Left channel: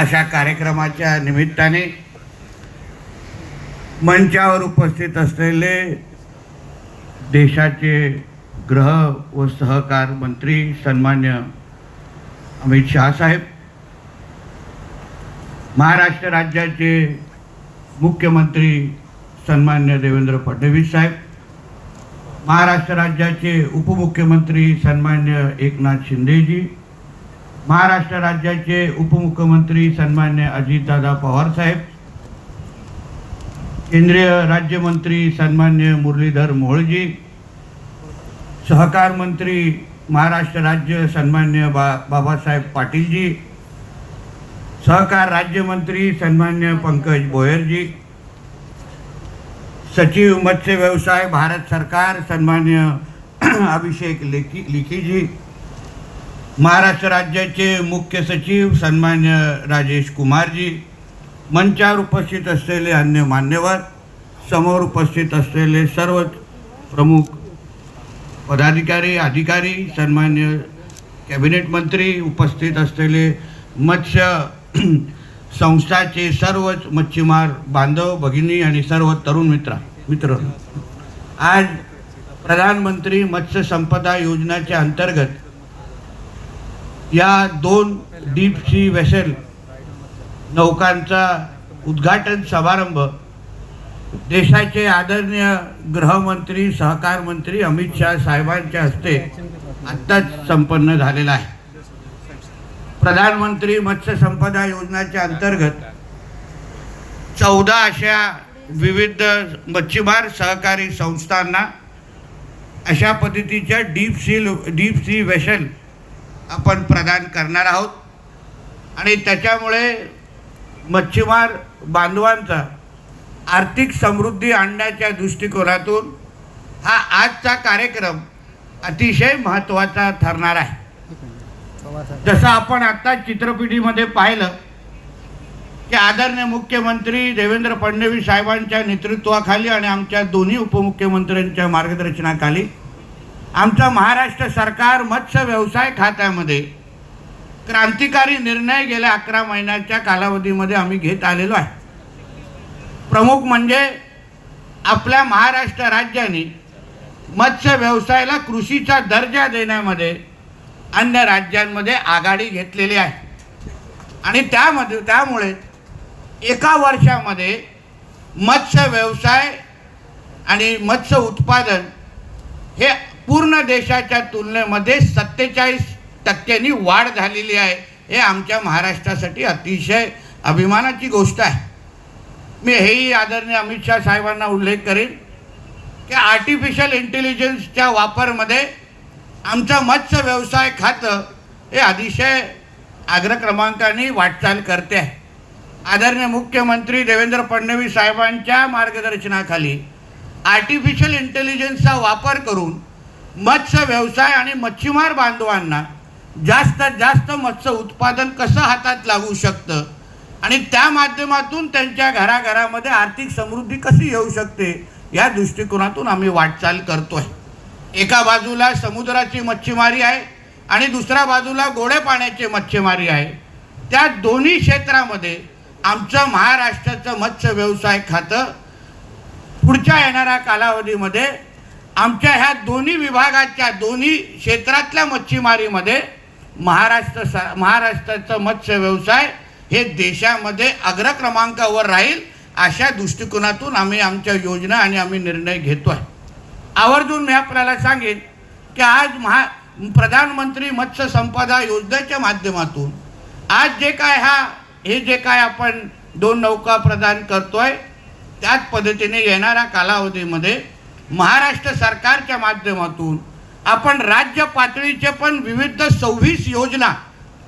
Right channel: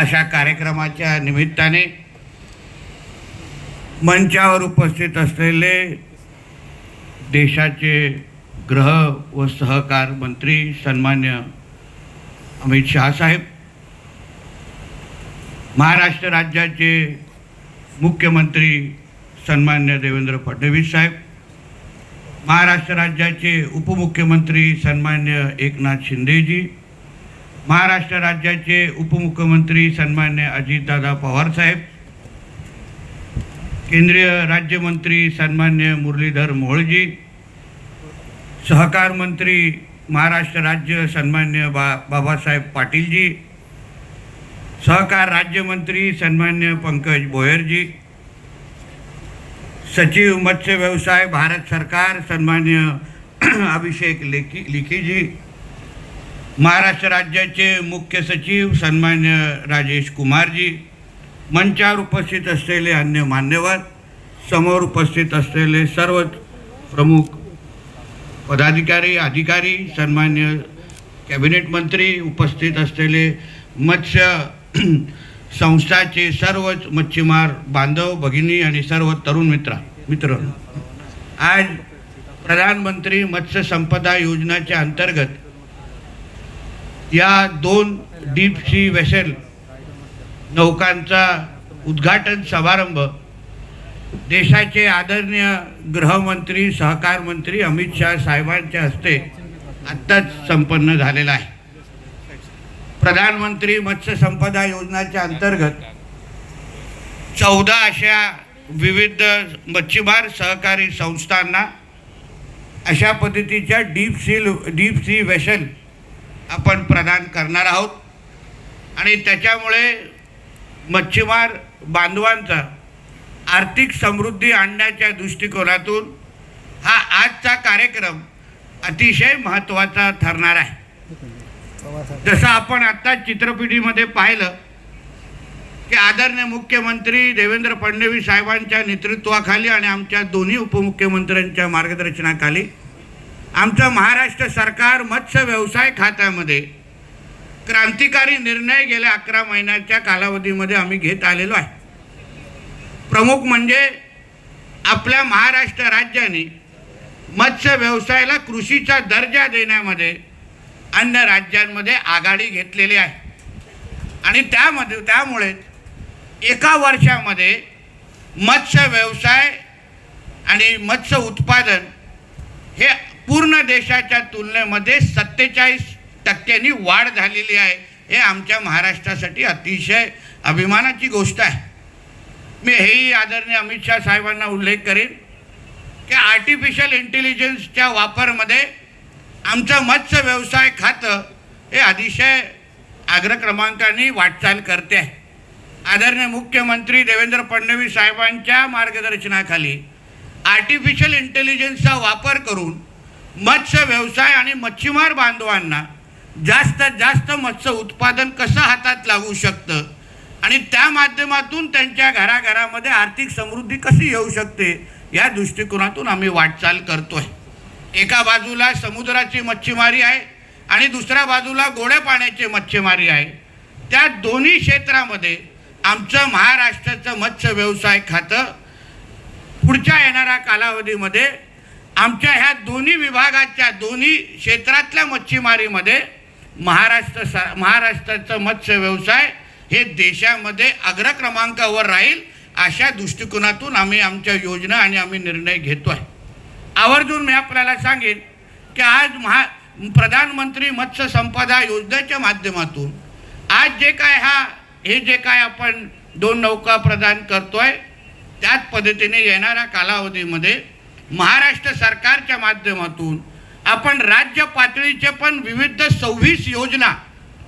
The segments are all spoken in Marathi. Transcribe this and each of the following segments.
अशा कार्यक्रमाच्या निमित्ताने मंचावर उपस्थित असलेले देशाचे गृह व सहकार मंत्री सन्मान्य अमित साहेब महाराष्ट्र राज्याचे मुख्यमंत्री सन्मान्य देवेंद्र फडणवीस साहेब महाराष्ट्र राज्याचे उपमुख्यमंत्री सन्मान्य एकनाथ शिंदेजी महाराष्ट्र राज्याचे उपमुख्यमंत्री सन्मान्य अजितदादा पवारसाहेब केंद्रीय राज्यमंत्री सन्मान्य मुरलीधर मोहळजी सहकार मंत्री महाराष्ट्र राज्य सन्मान्य बा बाबासाहेब पाटीलजी सहकार राज्यमंत्री सन्मान्य पंकज बोयरजी सचिव मत्स्य व्यवसाय भारत सरकार सन्मान्य अभिषेक लेखी लिखीजी महाराष्ट्र राज्याचे मुख्य सचिव सन्मान्य राजेश कुमारजी मंचावर उपस्थित असलेले अन्य मान्यवर समोर उपस्थित असलेले सर्व प्रमुख पदाधिकारी अधिकारी सन्मान्य कॅबिनेट मंत्री उपस्थित असलेले मत्स्य संस्थाचे सर्वच मच्छीमार बांधव भगिनी आणि सर्व तरुण मित्रा मित्र आज प्रधानमंत्री मत्स्य संपदा योजनाच्या अंतर्गत या दोन डीप सी वेसेल नौकांचा उद्घाटन समारंभ देशाचे आदरणीय गृहमंत्री सहकार मंत्री अमित शाह साहेबांच्या हस्ते आत्ताच संपन्न झालेला आहे प्रधानमंत्री मत्स्य संपदा योजनेच्या अंतर्गत चौदा अशा विविध मच्छीमार सहकारी संस्थांना अशा पद्धतीच्या डीप सी डीप सी वेशन आपण प्रदान करणार आहोत आणि त्याच्यामुळे मच्छीमार बांधवांचा आर्थिक समृद्धी आणण्याच्या दृष्टिकोनातून हा आजचा कार्यक्रम अतिशय महत्त्वाचा ठरणार आहे जसं आपण आत्ता चित्रपिढीमध्ये पाहिलं की आदरणीय मुख्यमंत्री देवेंद्र फडणवीस साहेबांच्या नेतृत्वाखाली आणि आमच्या दोन्ही उपमुख्यमंत्र्यांच्या मार्गदर्शनाखाली आमचं महाराष्ट्र सरकार मत्स्य व्यवसाय खात्यामध्ये क्रांतिकारी निर्णय गेल्या अकरा महिन्याच्या कालावधीमध्ये आम्ही घेत आलेलो आहे प्रमुख म्हणजे आपल्या महाराष्ट्र राज्याने मत्स्य व्यवसायाला कृषीचा दर्जा देण्यामध्ये अन्य राज्यांमध्ये आघाडी घेतलेली आहे आणि त्यामध्ये त्यामुळे एका वर्षामध्ये मत्स्य व्यवसाय आणि मत्स्य उत्पादन हे पूर्ण देशाच्या तुलनेमध्ये सत्तेचाळीस टक्क्यांनी वाढ झालेली आहे हे आमच्या महाराष्ट्रासाठी अतिशय अभिमानाची गोष्ट आहे मी हेही आदरणीय अमित शाह साहेबांना उल्लेख करेन की आर्टिफिशियल इंटेलिजन्सच्या वापरमध्ये आमचं मत्स्य व्यवसाय खातं हे अतिशय अग्रक्रमांकाने वाटचाल करते आहे आदरणीय मुख्यमंत्री देवेंद्र फडणवीस साहेबांच्या मार्गदर्शनाखाली आर्टिफिशियल इंटेलिजन्सचा वापर करून मत्स्य व्यवसाय आणि मच्छीमार बांधवांना जास्तीत जास्त मत्स्य उत्पादन कसं हातात लागू शकतं आणि त्या माध्यमातून त्यांच्या घराघरामध्ये आर्थिक समृद्धी कशी येऊ शकते या दृष्टिकोनातून आम्ही वाटचाल करतो आहे एका बाजूला समुद्राची मच्छीमारी आहे आणि दुसऱ्या बाजूला गोड्या पाण्याची मच्छीमारी आहे त्या दोन्ही क्षेत्रामध्ये आमचं महाराष्ट्राचं मत्स्य व्यवसाय खातं पुढच्या येणाऱ्या कालावधीमध्ये आमच्या ह्या दोन्ही विभागाच्या दोन्ही क्षेत्रातल्या मच्छीमारीमध्ये महाराष्ट्र सा महाराष्ट्राचं मत्स्य व्यवसाय हे देशामध्ये अग्रक्रमांकावर राहील अशा दृष्टिकोनातून आम्ही आमच्या योजना आणि आम्ही निर्णय घेतो आहे आवर्जून मी आपल्याला सांगेन की आज महा प्रधानमंत्री मत्स्य संपदा योजनेच्या माध्यमातून आज जे काय हा हे जे काय आपण दोन नौका प्रदान करतो आहे त्याच पद्धतीने येणाऱ्या कालावधीमध्ये महाराष्ट्र सरकारच्या माध्यमातून आपण राज्य पातळीचे पण विविध सव्वीस योजना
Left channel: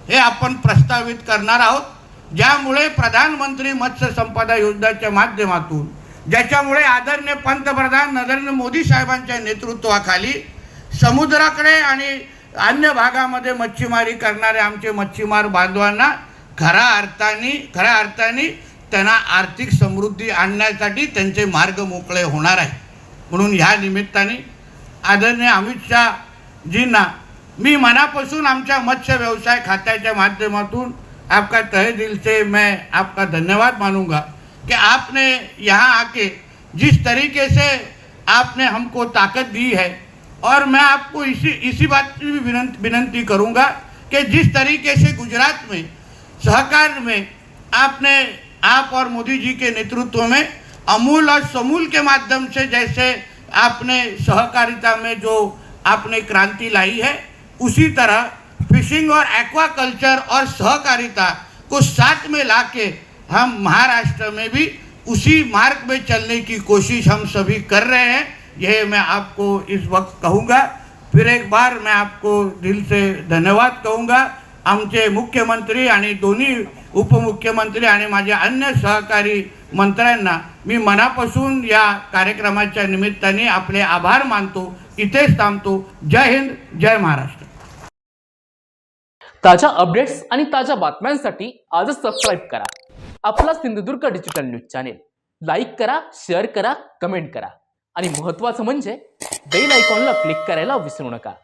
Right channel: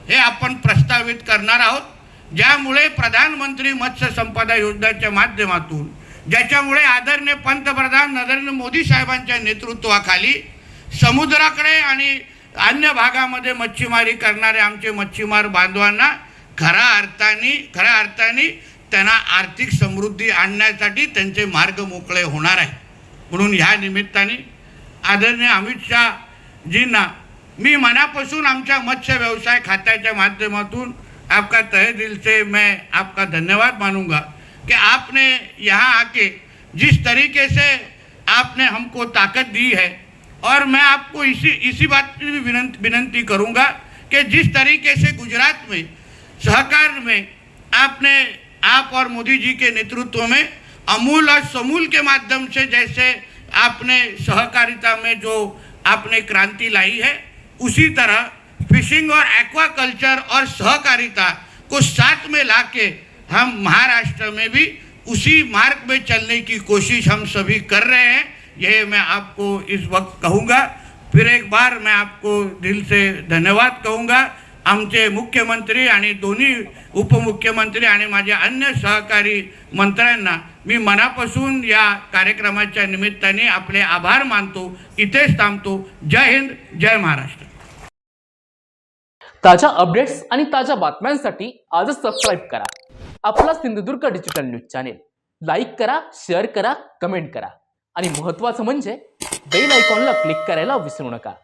हे आपण प्रस्तावित करणार आहोत ज्यामुळे प्रधानमंत्री मत्स्य संपदा योजनेच्या माध्यमातून ज्याच्यामुळे आदरणीय पंतप्रधान नरेंद्र मोदी साहेबांच्या नेतृत्वाखाली समुद्राकडे आणि अन्य भागामध्ये मच्छीमारी करणारे आमचे मच्छीमार बांधवांना खऱ्या अर्थाने खऱ्या अर्थाने त्यांना आर्थिक समृद्धी आणण्यासाठी त्यांचे मार्ग मोकळे होणार आहे म्हणून ह्या निमित्ताने आदरणीय अमित शहाजींना मी मनापासून आमच्या मत्स्य व्यवसाय खात्याच्या माध्यमातून आपका तहे दिल से मैं आपका धन्यवाद मानूंगा कि आपने यहाँ आके जिस तरीके से आपने हमको ताकत दी है और मैं आपको इसी इसी बात की भी विनंती विनंती करूँगा कि जिस तरीके से गुजरात में सहकार में आपने आप और मोदी जी के नेतृत्व में अमूल और समूल के माध्यम से जैसे आपने सहकारिता में जो आपने क्रांति लाई है उसी तरह फिशिंग और एक्वा कल्चर और सहकारिता को साथ में लाके हम महाराष्ट्र में भी उसी मार्ग में चलने की कोशिश हम सभी कर रहे हैं यह मैं आपको इस वक्त कहूँगा फिर एक बार मैं आपको दिल से धन्यवाद कहूँगा आमचे मुख्यमंत्री आणि दोनों उपमुख्यमंत्री आणि माझ्या अन्य सहकारी मंत्र्यांना मी मनापासून या कार्यक्रमाच्या निमित्ताने आपले आभार मानतो इथेच थांबतो जय हिंद जय महाराष्ट्र ताज्या अपडेट्स आणि ताज्या बातम्यांसाठी आजच सबस्क्राईब करा आपला Sindhudurg digital news channel like करा शेअर करा कमेंट करा आणि महत्त्वाचं म्हणजे बेल आयकॉनला क्लिक करायला विसरू नका